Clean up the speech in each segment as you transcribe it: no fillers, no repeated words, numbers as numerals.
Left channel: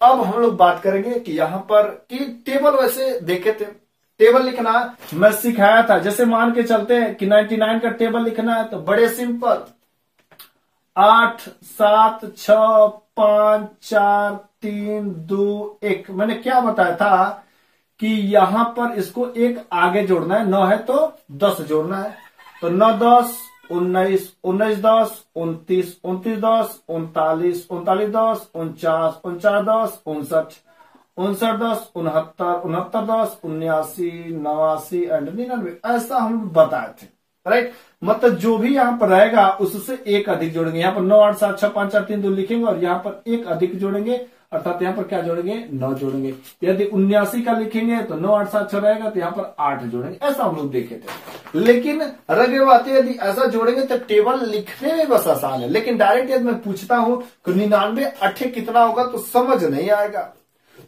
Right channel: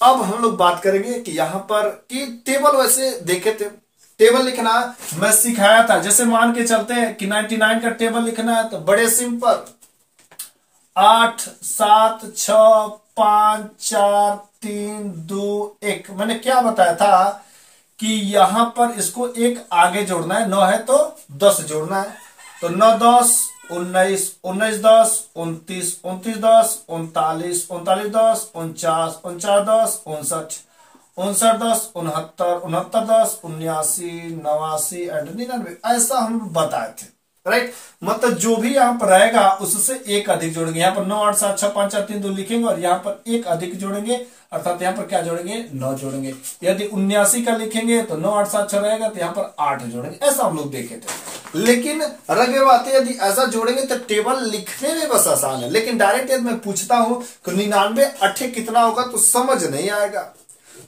अब हम लोग बात करेंगे कि यहां पर कि टेबल वैसे देखे थे, टेबल लिखना मैं सिखाया था। जैसे मान के चलते हैं कि 99 का टेबल लिखना है तो बड़े सिंपल 8 7 6 5 4 3 2 1। मैंने क्या बताया था कि यहां पर इसको एक आगे जोड़ना है, 9 है तो 10 जोड़ना है। तो 9 10 19 19 10 29 29 10 39 39 10 49 49 10 59 59 10 69 69 10 79 89 एंड 99। ऐसा हम बताए थे, राइट। मतलब जो भी यहां पर रहेगा उससे एक अधिक जोड़ेंगे। यहाँ पर 9 8 7 6 5 4 3 2 लिखेंगे और यहाँ पर एक अधिक जोड़ेंगे, अर्थात यहाँ पर क्या जोड़ेंगे 9 जोड़ेंगे। यदि 79 का लिखेंगे तो 9 8 7 6 रहेगा तो यहाँ पर 8 जोड़ेंगे। ऐसा हम लोग देखे थे। लेकिन रगे बातें यदि ऐसा जोड़ेंगे तो टेबल लिखने में बस आसान है, लेकिन डायरेक्ट यदि मैं पूछता हूं कि 99 8 कितना होगा तो समझ नहीं आएगा।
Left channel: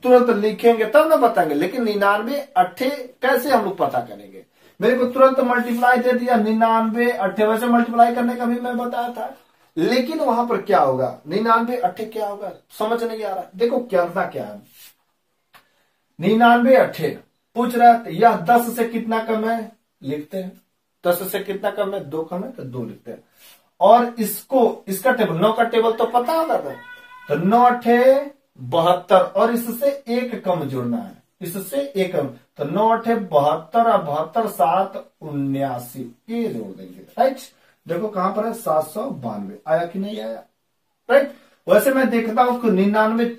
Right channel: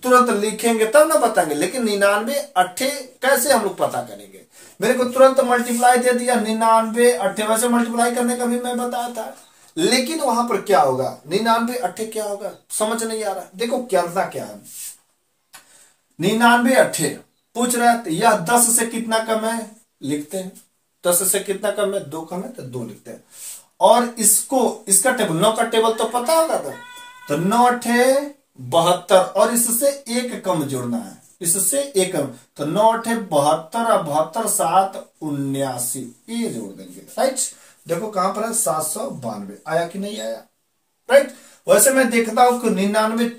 तुरंत लिखेंगे तब ना बताएंगे, लेकिन 99 8 कैसे हम लोग पता करेंगे। मेरे को तुरंत मल्टीप्लाई दे दिया 99 8, वैसे मल्टीप्लाई करने का भी मैं बताया था, लेकिन वहां पर क्या होगा 99 8 क्या होगा समझ नहीं आ रहा। देखो करना क्या है, 99 8 पूछ रहा है तो यह 10 से कितना कम है लिखते हैं, 10 से कितना कम है 2 कम है तो 2 लिखते हैं। और इसको इसका टेबल 9 का टेबल तो पता होगा था, तो 9 8 72 और इससे एक कम जोड़ना है, इससे एक कम, तो 9 8 72 और 72 7 79 ये जोड़ देंगे, राइट। देखो कहां पर है 792 आया कि नहीं आया, राइट। वैसे मैं देखता हूं कि 99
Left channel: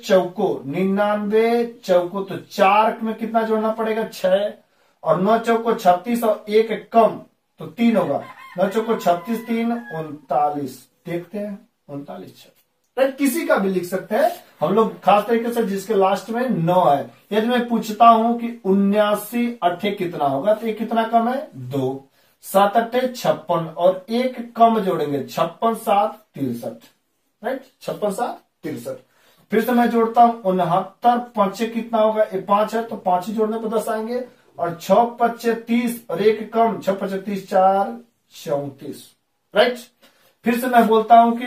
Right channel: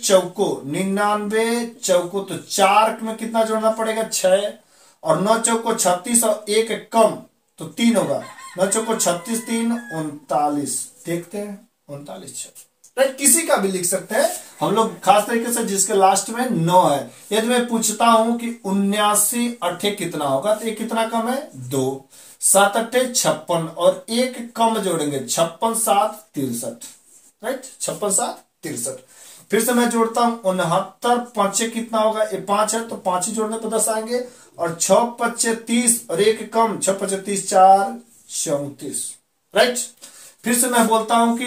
चौको तो 4 में कितना जोड़ना पड़ेगा 6, और 9 चौको 36 और एक कम तो 3 होगा, 9 चौको 36 3 39। देखते हैं 39 6, राइट। किसी का भी लिख सकते हैं हम लोग, खास तरीके से जिसके लास्ट में 9 है। यदि मैं पूछता हूं कि 79 8 कितना होगा तो ये कितना कम है 2, 7 8 56 और एक कम जोड़ेंगे 56 7 63, राइट। 56 7 63। फिर से मैं जोड़ता हूं 69 5 कितना होगा, ये 5 है तो 5 ही जोड़ने पर 10 आएंगे, और 6 5 30 और एक कम 6 5 30 4 34, राइट। फिर से मैं बोलता हूं कि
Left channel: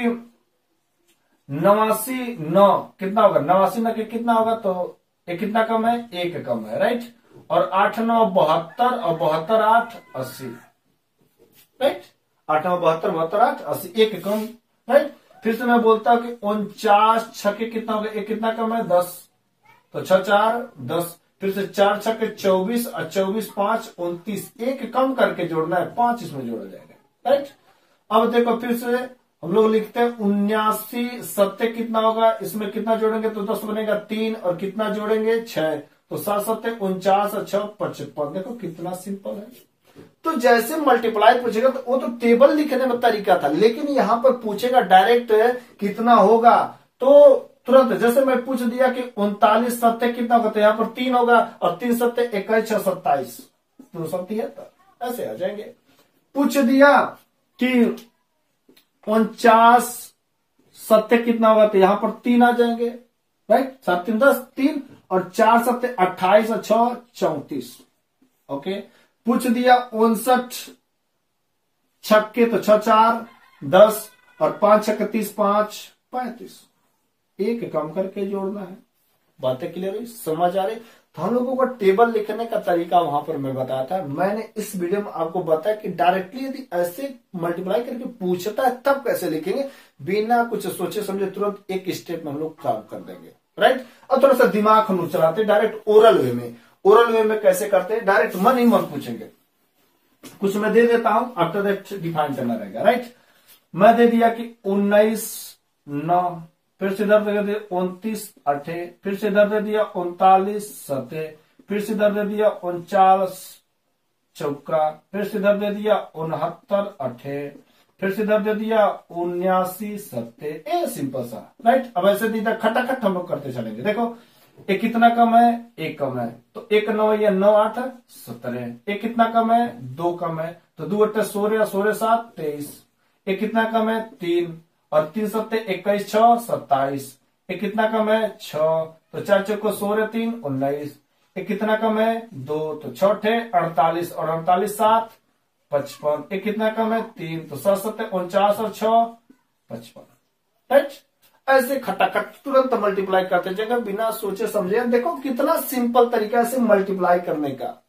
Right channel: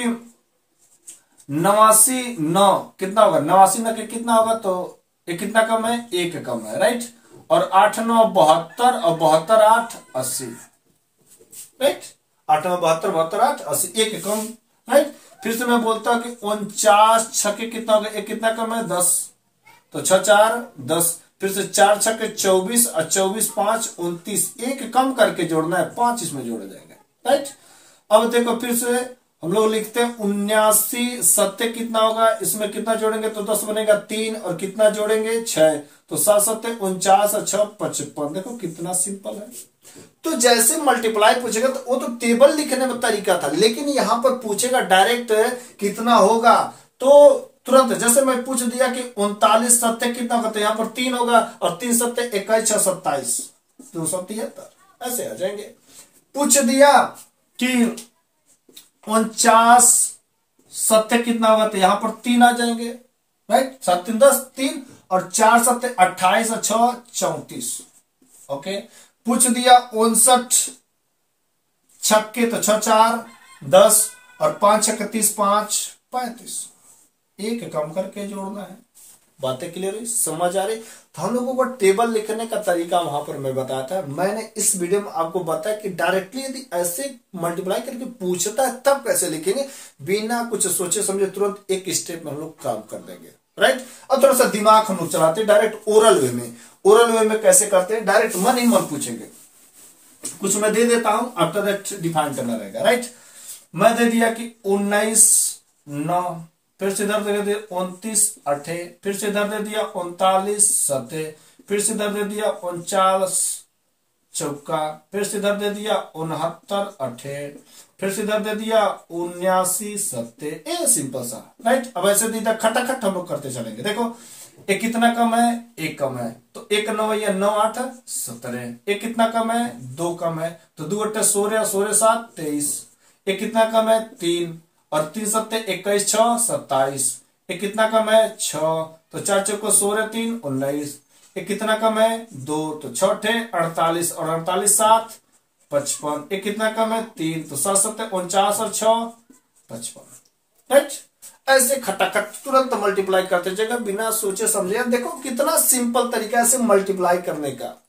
89 9 कितना होगा, 89 9 के कितना होगा तो ये कितना कम है एक कम है, राइट। और 8 9 72 और 72 8 80, राइट। 8 9 72 72 8 80 एक कम, राइट। फिर से मैं बोलता हूं कि 49 6 के कितना होगा, एक कितना कम है 10, तो 6 4 10। फिर से 4 6 के 24 और 24 5 29, एक कम करके जोड़ना है, 5 इसमें जोड़ा जाएगा, राइट। अब देखो फिर से हम लोग लिखते हैं 79 7 कितना होगा, इसमें कितना जोड़ेंगे तो 10 बनेगा 3 और कितना जोड़ेंगे 6, तो 7 7 49 और 6 55। देखो कितना सिंपल है। तो जैसे मल्टीप्लाई पूछेगा तो वो तो टेबल लिखने में तरीका था, लेकिन यहां पर पूछेगा डायरेक्ट कितना होगा, तो तुरंत जैसे मैं पूछ दिया कि 39 7 कितना होगा तो यहां पर 3 होगा, और 3 7 21 6 27 273, ऐसे आ जाएंगे। पूछ दिया कि 49 7 कितना होगा तो यहां पर 3 आ जाएंगे, राइट। 7 3 10 3 और 4 7 28 और 6 34, ओके। पूछ दिया 59 छक्के तो 6 4 10 और 5 6 30 5 35, एक कम करके जोड़ना है। बातें क्लियर हुई, समझ आ रही। तो हम लोगों को टेबल लिखने का तरीका वहां पर मैं बताया था। मैंने इस वीडियो में आपको बताया कि डायरेक्टली यदि ऐसे मल्टीप्लाई करके पूछता है तब कैसे लिखेंगे, बिना कुछ सोचे समझे तुरंत एक स्टेप में हम लोग काम कर देंगे, राइट। अब थोड़ा सा दिमाग हम लोग चलाते हैं डायरेक्ट ओरल वे में। ओरल वे में कैसे करते हैं, डायरेक्ट मन ही मन पूछेंगे। कुछ मैं दे देता हूं, आफ्टर दैट डिफाइन करना रहेगा, राइट। मैं दे दिया कि 19 9, फिर से इधर दे दिया 29 8, फिर से इधर दे दिया 39 7, फिर से इधर दे दिया 49 चौका, फिर से इधर दे दिया 69 8, फिर से इधर दे दिया 79 7। ए सिंपल सा, राइट। अब ऐसे दीदा खटाखट हम लोग करते चलेंगे। देखो एक कितना कम है, एक कम है, तो 1 9 या 9 8 17। एक कितना कम है 2 कम है, तो 2 8 16 16 7 23। एक कितना कम है 3 और 3 7 21 6 27। एक कितना कम है 6, तो 4 चौको 16 3 19। एक कितना कम है 2, तो 6 48 और 48 7 55। एक कितना कम है 3, तो 7 7 49 और 6 55, राइट। ऐसे खटाखट तुरंत मल्टीप्लाई करते जाएगा बिना सोचे समझे। देखो कितना सिंपल तरीका से मल्टीप्लाई करने का।